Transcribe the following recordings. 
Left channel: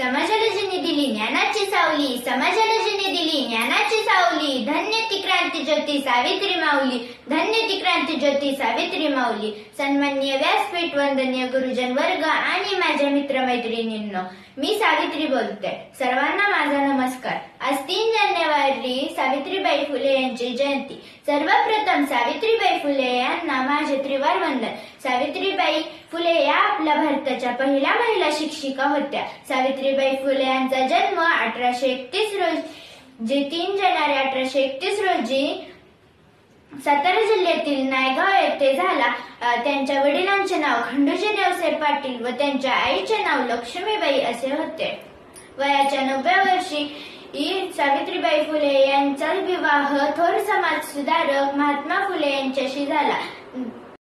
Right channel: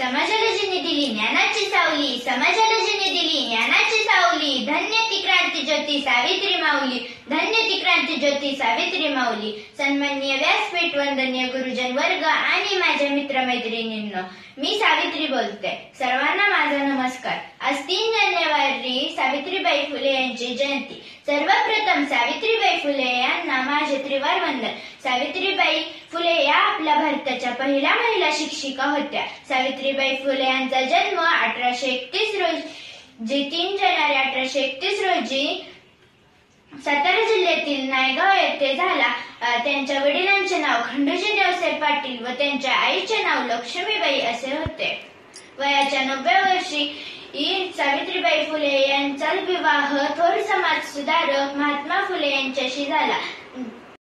समाजाला जिने दिली ज्ञानाची सावली, समाजाला जिने दिली ज्ञानाची सावली, धन्य ती क्रांती ज्योती सावित्री माऊली, धन्य ती क्रांती ज्योती सावित्री माऊली. सन्माननीय व्यासपीठ, वंदनीय गुरुजन वर्ग आणि माझ्या मित्रमैत्रिणींनो, मी सावित्री बोलते. सर्वांना माझा नमस्कार. आज 3 जानेवारी सावित्रीबाई फुले यांची जयंती. सर्वप्रथम सावित्रीबाई फुले यांना माझे त्रिवार वंदन. सावित्रीबाई फुले या आपल्या भारताच्या पहिल्या महिला शिक्षिका होत्या. सावित्रीबाई फुले यांचा जन्म 1831 रोजी 3 जानेवारी 1831 रोजी सातारा जिल्ह्यातील नायगाव येथे झाला. त्यांच्या वडिलांचे नाव खंडूजी नेवसाहेब पाटील व त्यांच्या आईचे नाव लक्ष्मीबाई असे होते. वयाच्या 90व्या वर्षी सावित्रीबाई फुले यांचा विवाह थोर समाज सुधारक महात्मा फुले यांच्याशी झाला.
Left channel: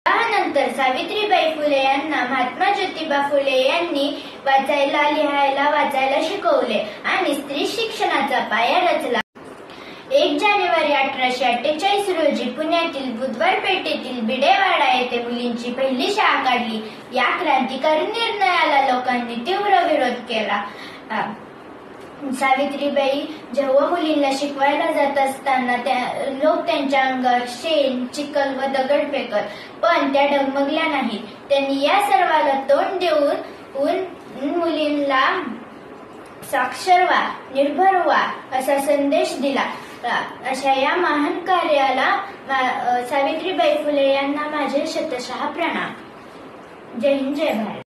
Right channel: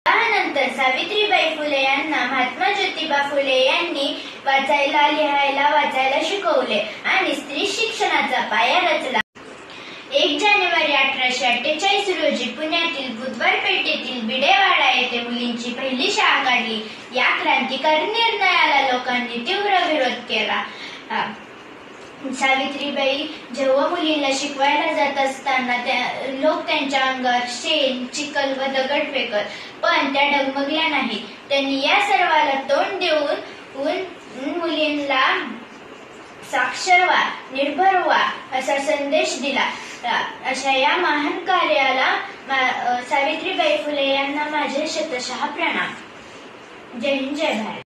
त्यानंतर सावित्रीबाई फुले यांना महात्मा ज्योतिबा फुले यांनी वाचायला, लिहायला, वाचायला शिकवले आणि स्त्री शिक्षणाचा पाया रचला. 1 जानेवारी 1848 रोजी पुण्यातील बुधवार पेठेतील बिडेवाडा येथे मुलींची पहिली शाळा काढली. या क्रांतिकारी निर्णयाला लोकांनी तीव्र विरोध केला. सावित्रीबाई जेव्हा मुलींना शिकवायला जात असताना लोक त्यांच्या अंगावर शेण, चिखल व दगड फेकत, पण त्या डगमगल्या नाही. त्यांनी या सर्वाला तोंड देऊन मुलींना साक्षर व्हा, निर्भर व्हा असा संदेश दिला. अशा या महान कार्याला सावित्रीबाई फुले यांना माझे शतशः प्रणाम. जय हिंद, जय भारत.